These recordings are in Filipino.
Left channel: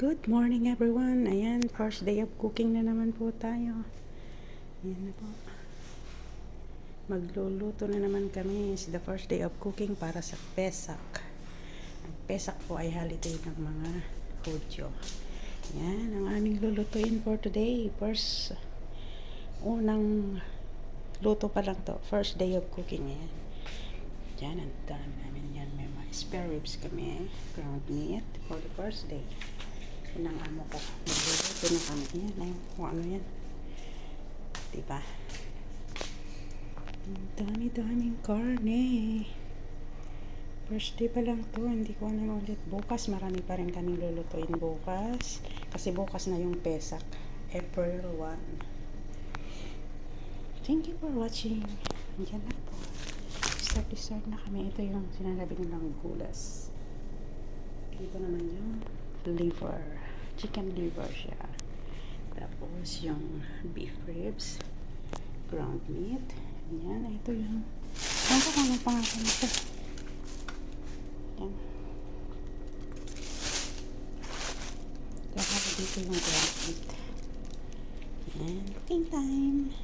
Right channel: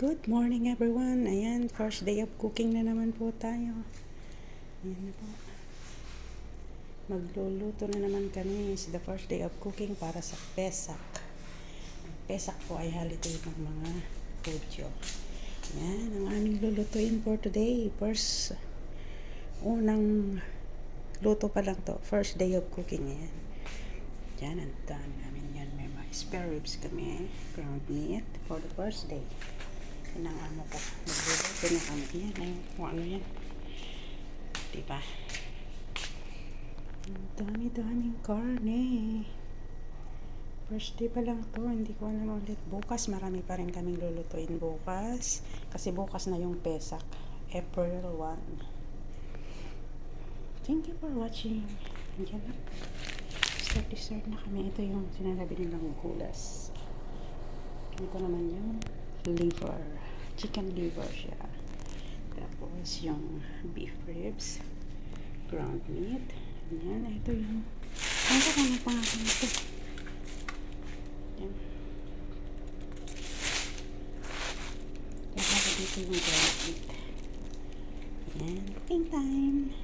Good morning everyone. Ayan, first day of cooking na naman po tayo. Ayan na po. Magluluto na naman kami. It's the first day of cooking para sa Pesak. Ang Pesak po ay holiday ng mga Hudyo. Ayan, ang aming lulutuin for today. Unang luto pa lang to. First day of cooking. Ayan. Ayan, ang dami namin yan. May mga spare ribs kami. Ground meat for the first day. Yan ang amo ko. Magluluto na kami. Yan ay kung ano yan. Diba? Dami-daming karne. First day pa lang to. Hindi ko alam ulit. Bukas marami pa rin kaming lulutuin bukas. Kasi bukas na yung Pesak. April 1. Thank you for watching. Andiyan na po. Start na kami. Ito yung sinasabi nilang gulas. Ito naman yung liver. Chicken liver siya. Tapos yung beef ribs. Ground meat. Yan. Ito yung ano ko anong pangalan ito. Yan. Kaya dito yung ground meat. Yan. Cooking time.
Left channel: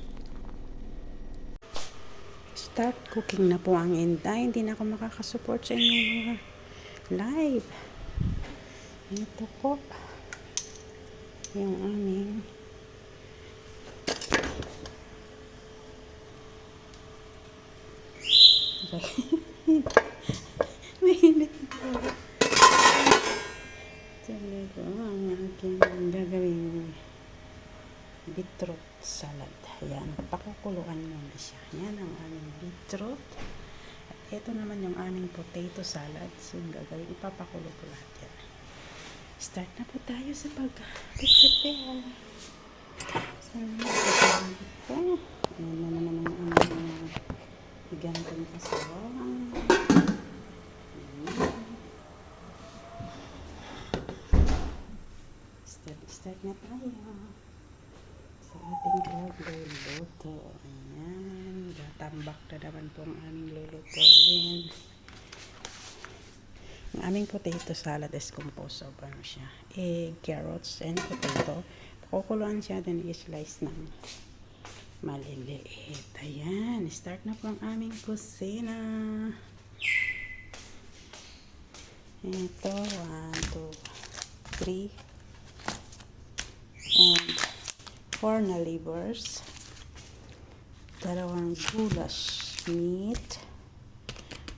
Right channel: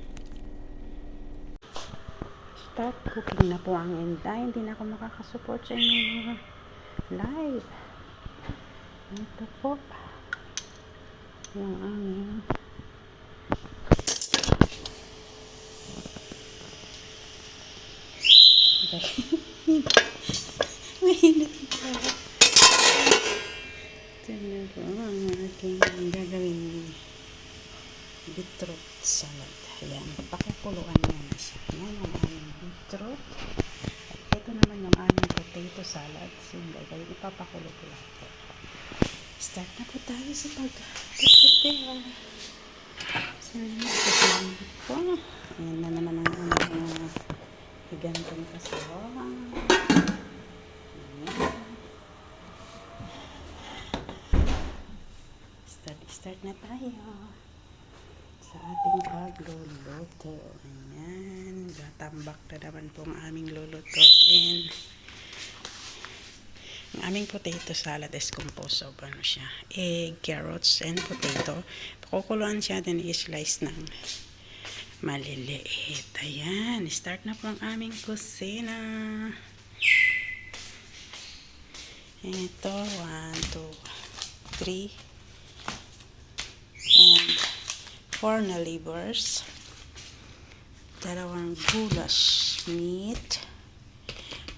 Start cooking na po ang Inday. Hindi na ako makakasupport sa inyo live. Ito po yung aming mainit po. Tignan po ang aking gagawin beetroot salad. Ayan, pakukuluan nyo na siya. Ayan ang aming beetroot. At ito naman yung aming potato salad. So yung gagawin, ipapakulo po lahat yan. Start na po tayo sa pag-prepare. So, ito po. Ayan na naman ang aming higantong kasawang. Start na tayo sa ating pagluluto. Ayan. Gatambak na naman po ang aming lulutuin. Ang aming potato salad is composed of ano siya, egg, carrots, and potato. Pakukuluan siya, then i-slice ng maliliit. Ayan. Start na po ang aming kusina. Ito, 1, 2, 3. And 4 na livers. 2 goulash meat.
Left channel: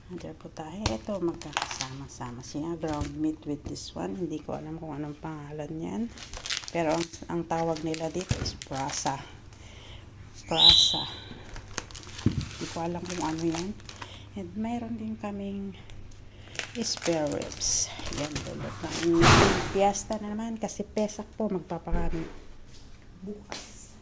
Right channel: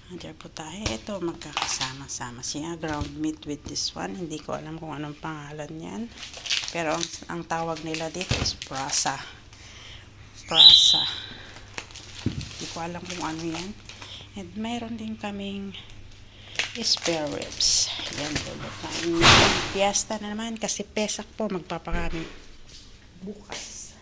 Under po tayo. Ito, magkakasama-sama siya. Ground meat with this one. Hindi ko alam kung anong pangalan yan. Pero ang tawag nila dito is prasa. Prasa. Hindi ko alam kung ano yan. And mayroon din kaming spare ribs. Yan, lulutuin. Fiesta na naman kasi Pesak po. Magpapakami bukas.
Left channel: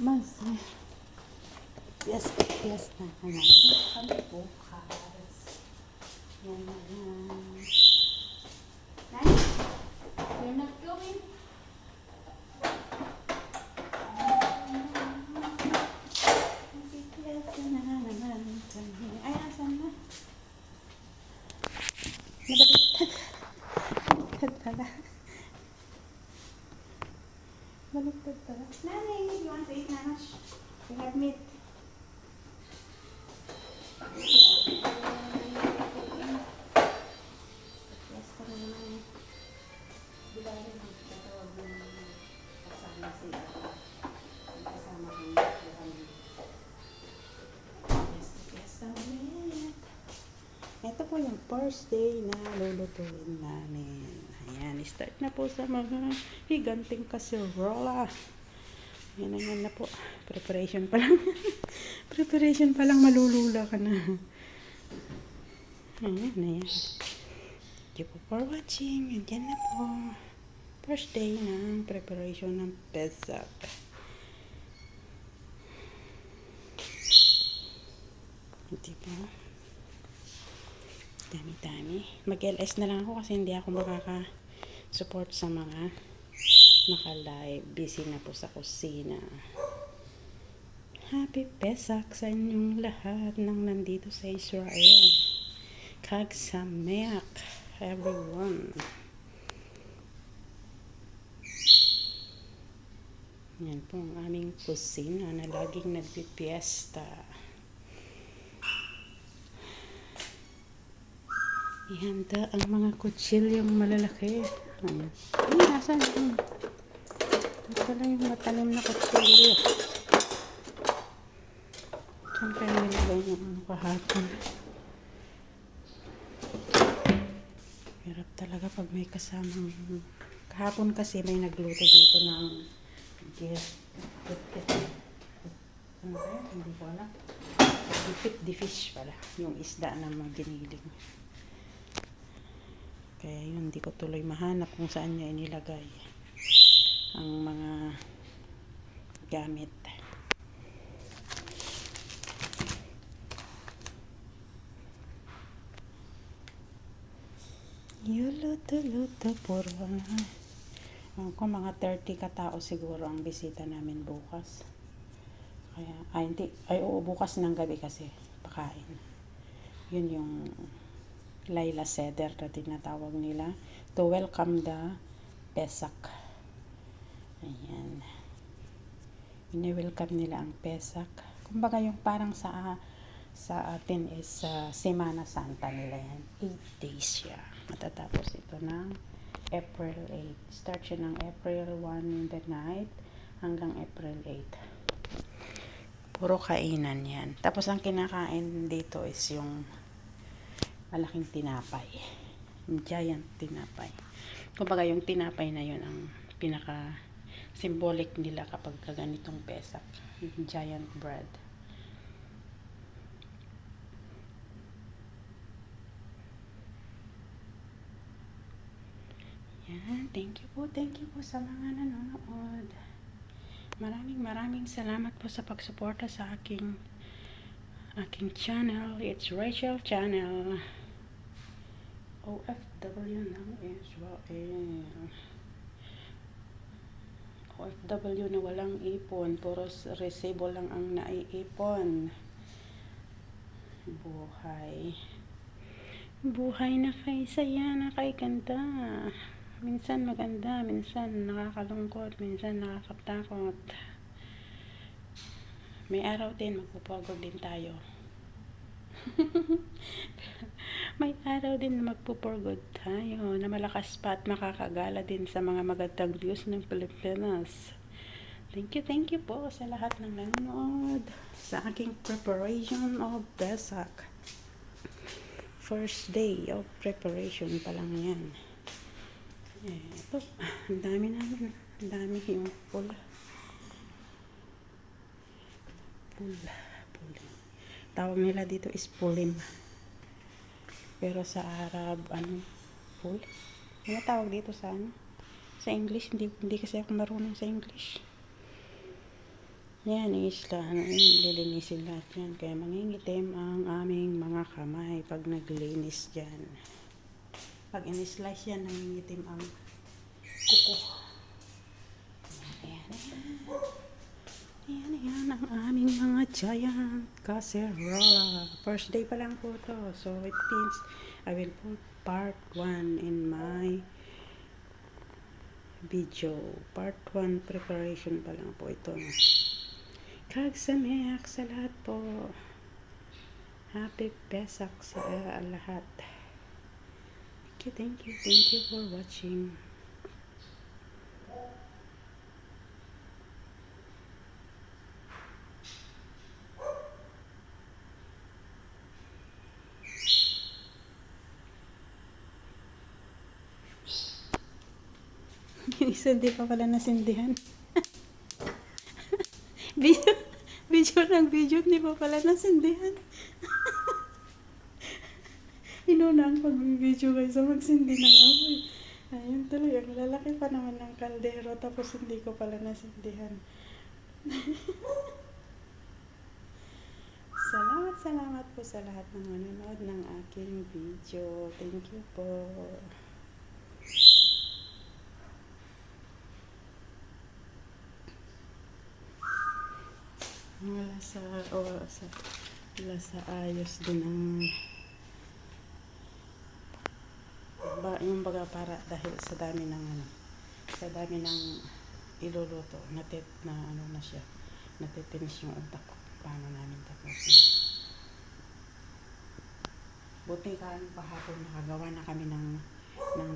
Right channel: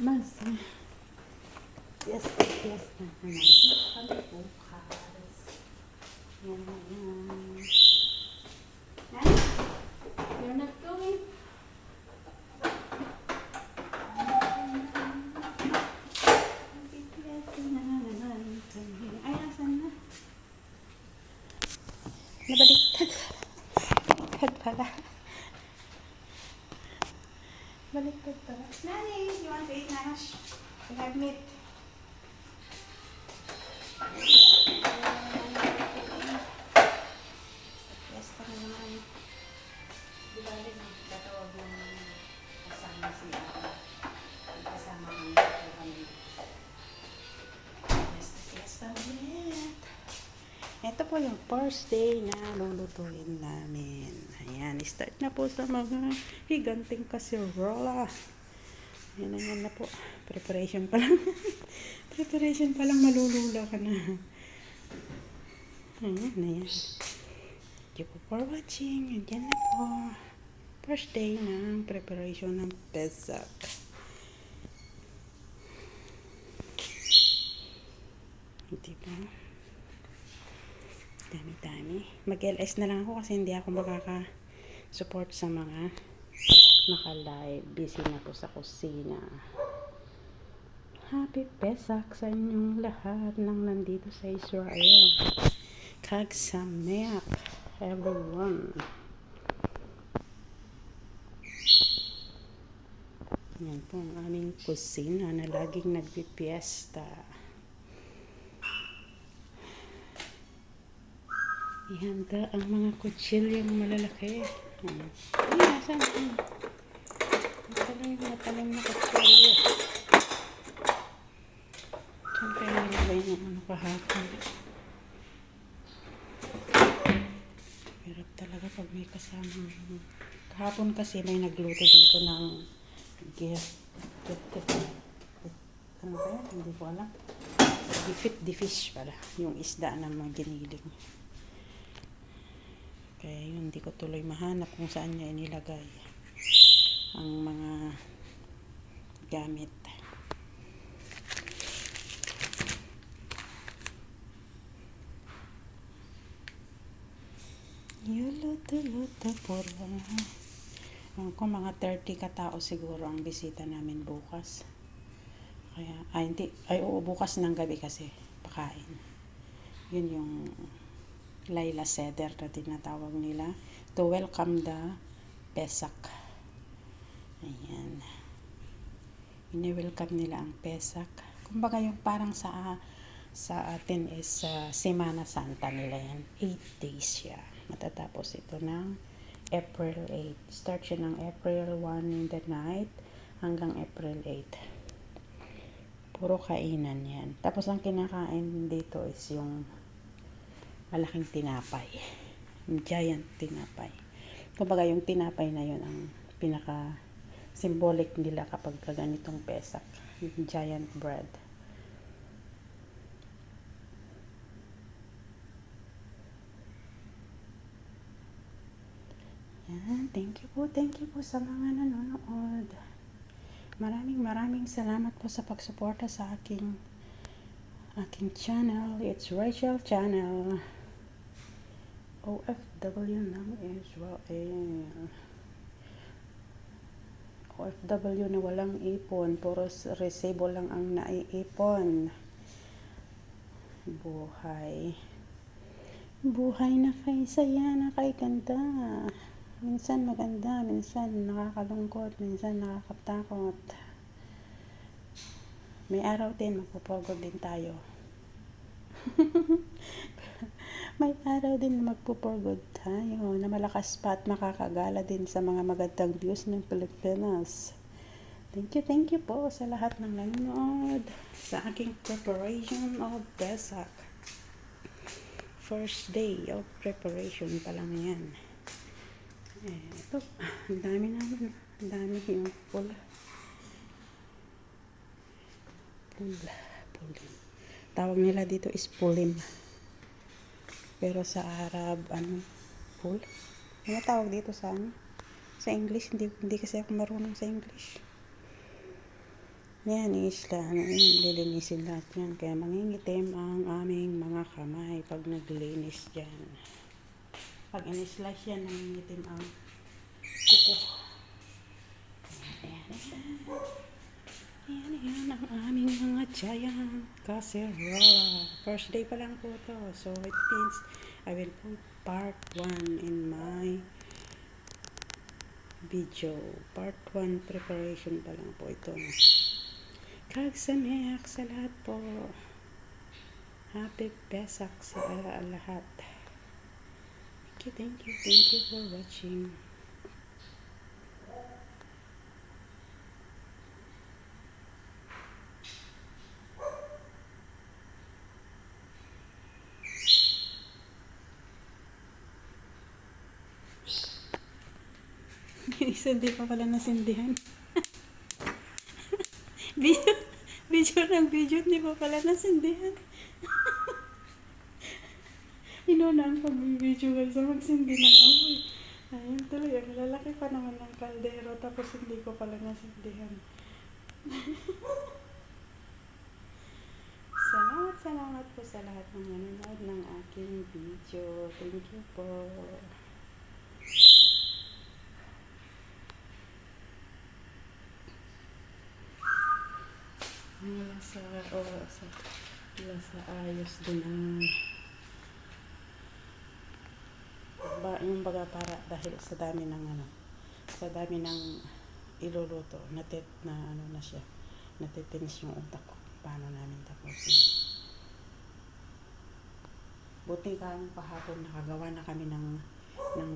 Mas fiesta na naman bukas. Yan na yan. You're not going? Ay, asan na? Nabaliktad. Baliktad pala. Baliktad pala. Nani, you want to eat nash? We have meat. Fiesta na naman. Di ba rin magtatawag ng kasama siya? Kasama kami. Fiesta ulit. Ito po yung first day na lulutuin namin. Ayan, start na po sa mga higanting kaserola. Ayan na po. Preparation pa lang. Preparation pa lang, malulula ka na. Ayan na yan. Thank you for watching. Ayan na po. First day ng preparation ng Pesak. Diba? Dami-dami. Mag-LS na lang ako kasi hindi ako makaka-support sa mga naka-live. Busy na po sa kusina. Happy Pesach sa inyong lahat ng nandito sa Israel. Chag Sameach, everyone. Yan po ang aming kusina na laging nagpipiesta. Ihanda ang mga kutsilyong malalaki. Ay, nasan? Ito lang yung matalim na kutsilyo. Saan tayo nilagay ng ano kahapon? Hirap talaga pag may kasamang. Kahapon kasi may nagluto dito ng ano ba yan? Hindi ko alam. The fish pala. Yung isda na mo diniling. Kaya yun, hindi ko tuloy mahanap kung saan niya inilagay ang mga gamit. Yuluto-luto puro. Kung mga 30 katao siguro ang bisita namin bukas. Kaya, bukas ng gabi kasi pakain. Yun yung Laila Seder na tinatawag nila to welcome the Pesach. Ayan. Ini-welcome nila ang Pesach. Kumbaga yung parang sa atin is Semana Santa nila yan. 8 days siya. Matatapos ito ng April 8. Start siya ng April 1 in the night hanggang April 8. Puro kainan yan. Tapos ang kinakain dito is yung malaking tinapay. Yung giant tinapay. Kumbaga yung tinapay na yun ang pinaka symbolic nila kapag ganitong Pesach. Yung giant bread. Yan. Thank you po sa mga nanonood. Maraming salamat po sa pagsuporta sa aking channel. It's Rachel Channel. OFW ng Israel. OFW na walang ipon. Puro resibo lang ang naiipon. Buhay na kay saya na kay ganda. Minsan maganda, minsan nakakalungkot, minsan nakakatakot. May araw din, magpupugod din tayo. May araw din na magpupugod tayo na malakas pa at makakagala din sa mga magandang views ng Pilipinas. Thank you po sa lahat ng nanonood sa aking preparation of Pesach. First day of preparation pa lang yan. Ito, ang dami naman. Ang dami yung pulim. Tawag nila dito is pulim. Pero sa Arab, pul? Ano tawag dito sa Sa English, hindi kasi ako marunong sa English. Yan, isla. Lilinisin lahat yan. Kaya mangingitim ang aming mga kamay pag naglinis dyan. Pag in-slice yan, nangingitim ang kuko. Ayan ang aming mga giant casserole. First day pa lang po to. So it means I will put part 1 in my video. Part 1 preparation pa lang po ito. Chag Sameach sa lahat po. Happy Pesach sa lahat. Thank you for watching. Isa di pa pala nasindihan. video hindi pa pala nasindihan. Inuna ang pag-video guys sa magsindi ng amoy. Ayun tuloy, ang lalaki pa naman ng kaldero tapos hindi ko pala nasindihan. Salamat po sa lahat ng nanonood ng aking video. Thank you po. Wala sa ayos din ang yung baga para dahil sa dami ng iluluto na ano na siya, natitinis yung utak ko paano namin tapusin. Buti kahapon nakagawa na kami ng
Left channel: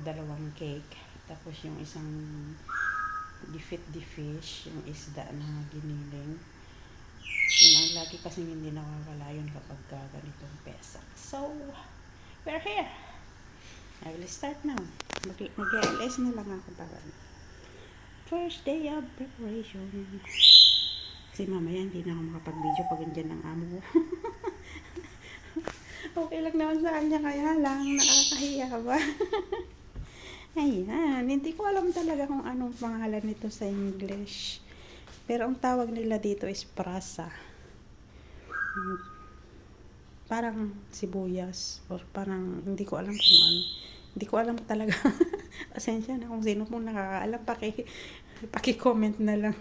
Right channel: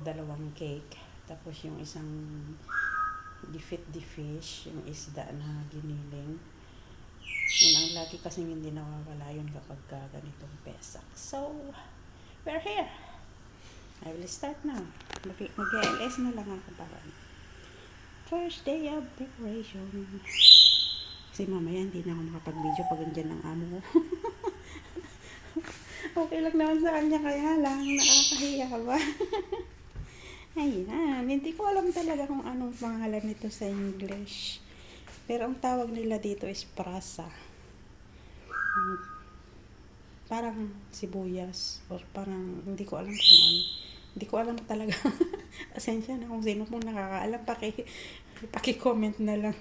dalawang cake, tapos yung isang gefit the fish, yung isda na giniling. Yun ang lagi kasing hindi nawawala yun kapag ganitong pesak. So, we're here. I will start now. Mag-LS na lang ako para first day of preparation. Kasi mamaya hindi na ako makapag-video pag andyan ang amo ko. Okay lang naman sa kanya, kaya lang nakakahiya ba? Ayan, hindi ko alam talaga kung anong pangalan nito sa English. Pero ang tawag nila dito is prasa. Parang sibuyas or parang hindi ko alam kung ano. Hindi ko alam talaga. Pasensya na kung sino pong nakakaalam, paki-comment na lang.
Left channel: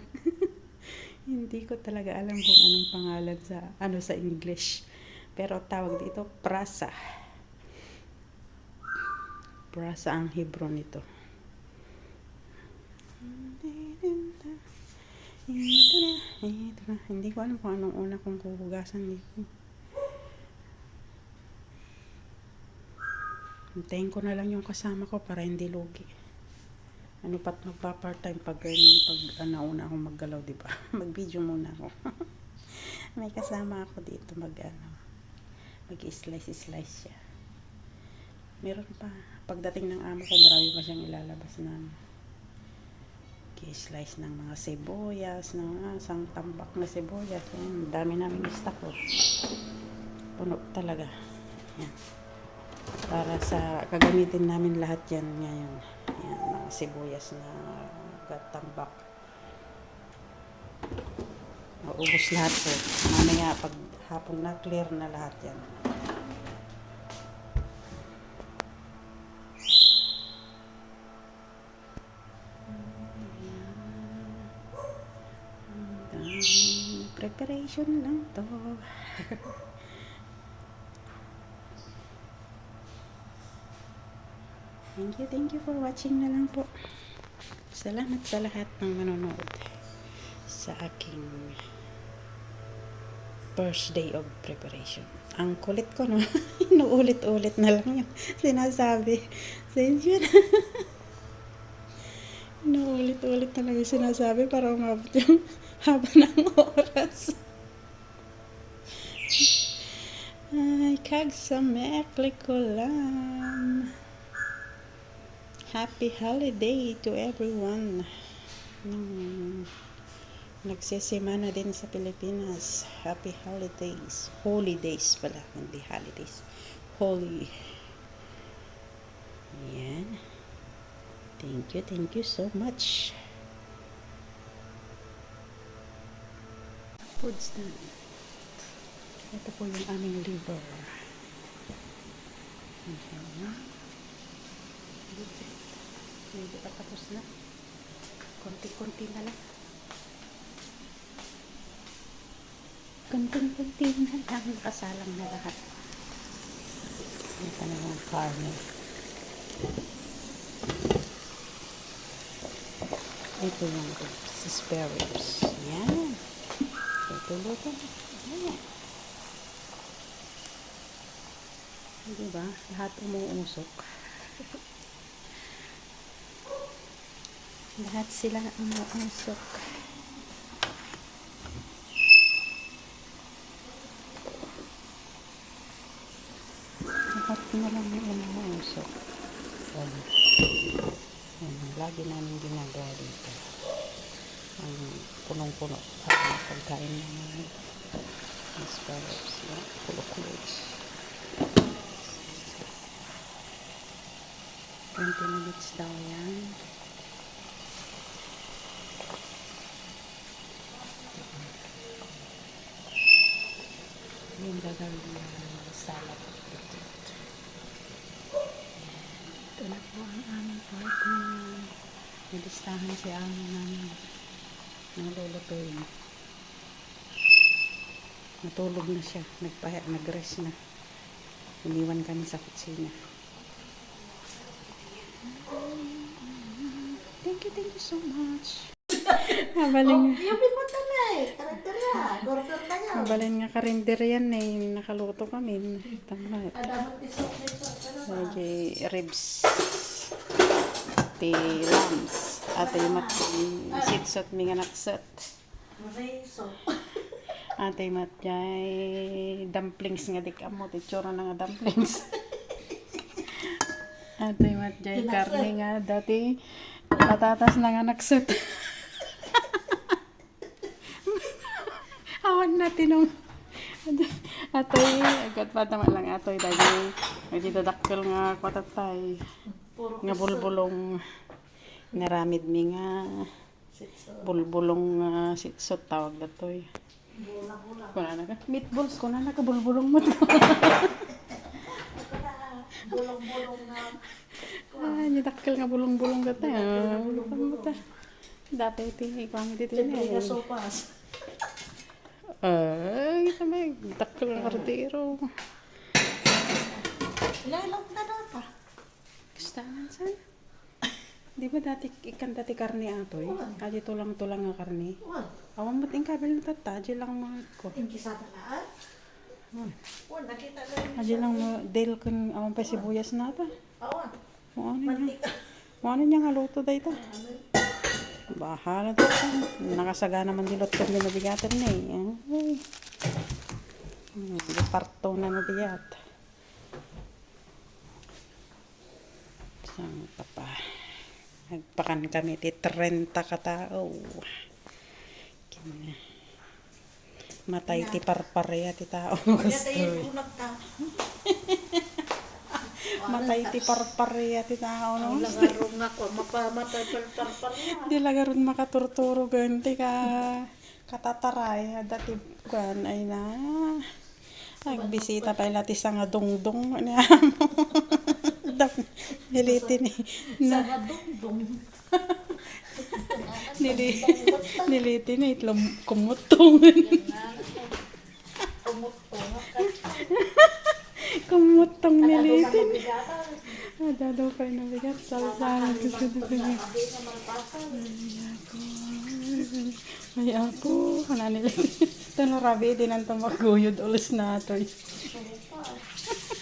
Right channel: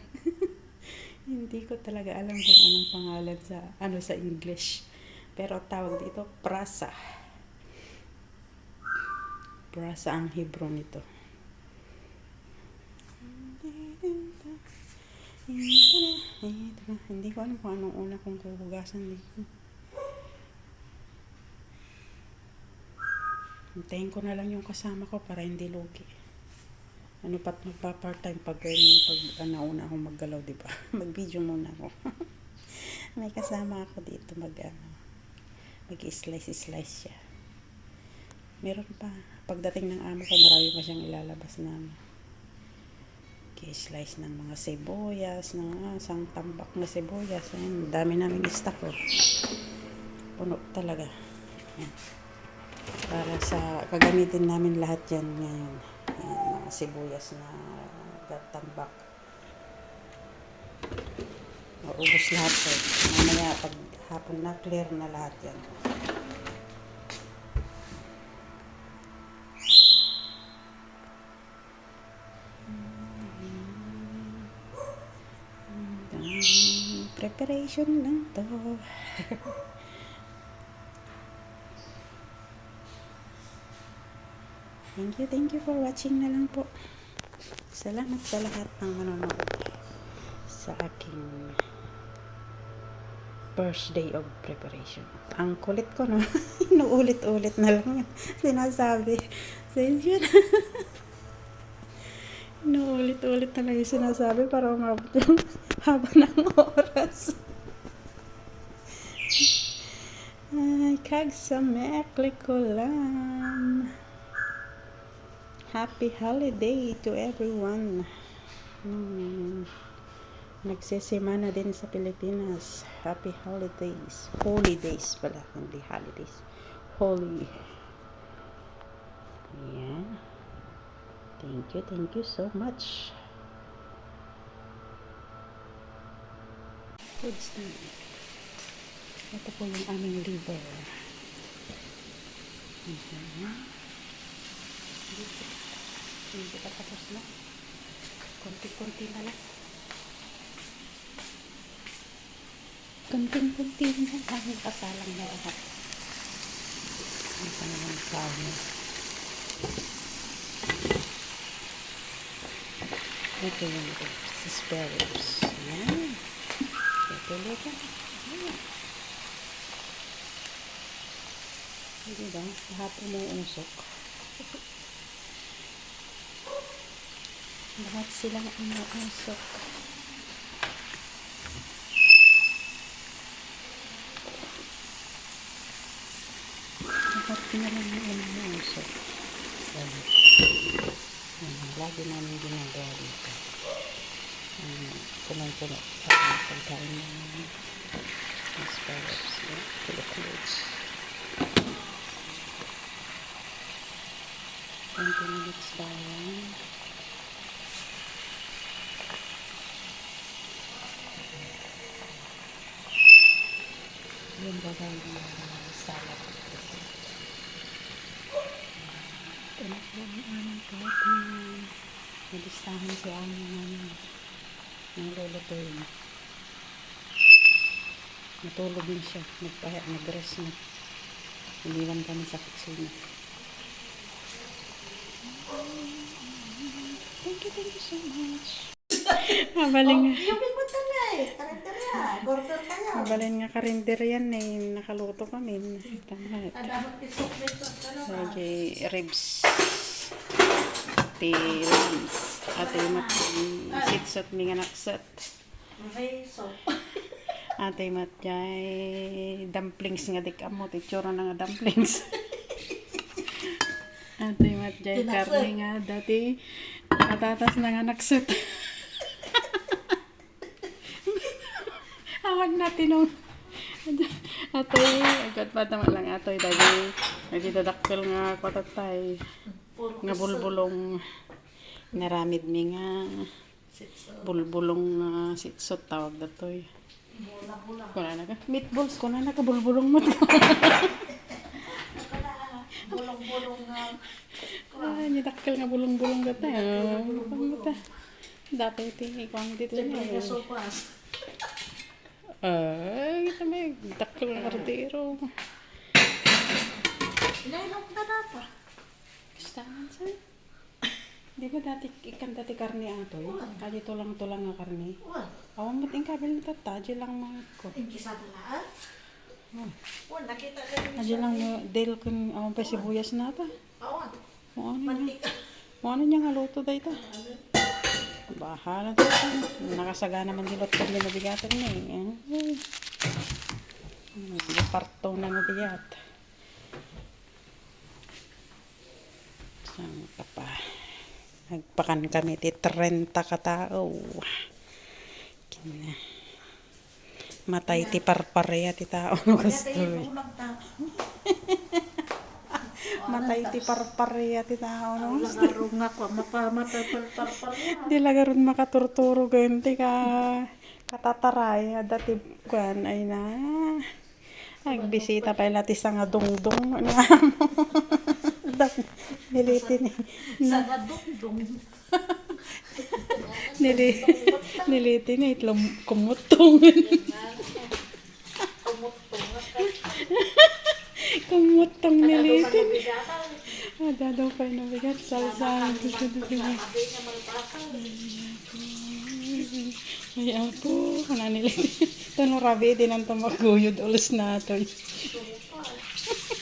Hindi ko talaga alam kung anong pangalan sa English. Pero tawag dito prasa. Prasa ang Hebrew nito. Ito na. Hindi ko alam kung anong una kong huhugasan dito. Hintayin ko na lang yung kasama ko para hindi lugi. Ano pat magpa-part-time pag nauna akong maggalaw, di ba? Mag-video muna ako. May kasama ako dito mag-slice siya. Meron pa. Pagdating ng amo ko, marami pa siyang ilalabas na i-slice ng mga sibuyas, ng isang tambak na sibuyas. Ang dami namin stock. Puno talaga. Yan. Para sa kagamitin namin lahat yan ngayon. Yan, mga sibuyas na tambak. Maubos lahat po. Mamaya pag hapon na, clear na lahat yan. Preparation lang to. Thank you for watching na lang po. Salamat sa lahat ng manonood sa aking first day of preparation. Ang kulit ko, no? Inuulit-ulit na lang yung sinasabi. Sensyon. Inuulit-ulit na lang yung sinasabi para umabot yung haba ng oras. Ay, kagsamekli ko lang. Happy holiday to everyone. Nagsesemana din sa Pilipinas. Happy holidays. Holidays pala, hindi holidays. Holy. Yan. Thank you so much. Foods na. Ito po yung aming liver. Hindi pa tapos na. Konti-konti na lang. Konting-konti na lang. Nakasalang na lahat. Ito na yung farmer. Ito yung spare ribs. Ayan. Ito. Ayan. Diba? Lahat umuusok. Lahat silang umuusok. Lahat na lang umuusok. Lagi namin ginagawa dito. Punong-puno. Pagkain namin. Spare ribs. Full of clothes. 20 minutes daw yan. Yung gagawin ng salad. Ito na po ang aming partner. Nalistahan si amo namin ng lulutuin. Natulog na siya. Nag-rest na. Iniwan kami sa kusina. Thank you so much. Mabaling nga. Mabaling nga karinder yan eh. Nakaluto kami. Tama. Lagi ribs. Lambs. Ate yung sitsot mi nga naksat. Ate mat jay dumplings nga dik amo. Titsura na nga dumplings. Ate mat jay karne nga dati patatas na nga naksat. Awan natin nung atoy, agad pa naman lang atoy dagi. Nagdidadakkel nga kwatatay. Nga bulbulong naramid mi nga bulbulong sitsot tawag datoy. Kuna na ka? Meatballs, kuna na ka bulbulong mo. Bulong-bulong nga. Nidakkel nga bulong-bulong gatay. Dapat ikaw ang dito niya. Kita may dakkel nga kardero. Lalong na nata. Gustahan sa? Di ba dati karne atoy? Dito lang nga karne. Awan ba't yung kabel na tata? Diyan lang mga ko. Hindi sa talaan. Nakita ka rin. Diyan lang mo, dahil kung awan pa sibuyas na ta. Awan. Ano niya nga luto dahi ta? Bahala to. Nakasaga naman dilot ko din nabigatan na eh. Parto na nabigat. Saan ka pa? Nagpakan kami ti 30 katao. Matay ti parpareya ti tao. Matay ti parpareya ti tao. Lagarong nga ko. Makamatay parpareya. Di lagaron makaturturo ganti ka katataray. Dati kuan ay na. Nagbisita pa ilati sa nga dungdong. Nilitin eh. Sa madungdong. Nilitin eh. Kumutong. Kumutong nilitin. Daw pa rin nabigat. Salsa. Ay apo. Kana nilitin. Ito no rabi din ang tumaguyod ulis na ito.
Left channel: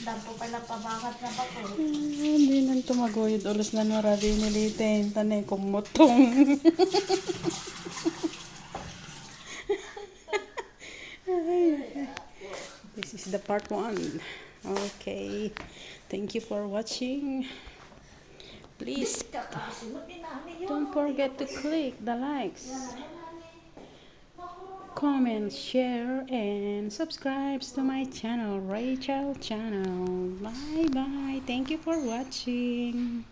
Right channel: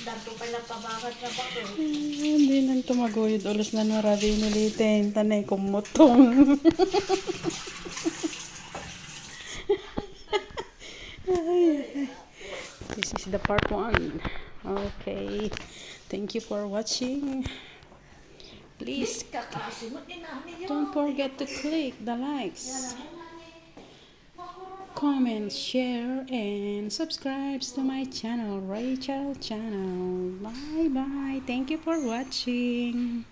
Dato pala pabangat na ba ko? Hindi nang tumaguyod ulis na no rabi nilitin. Tanay kumutong. This is the part 1. Okay. Thank you for watching. Please don't forget to click the likes, comment, share, and subscribe to my channel, Rachel channel. Bye bye. Thank you for watching.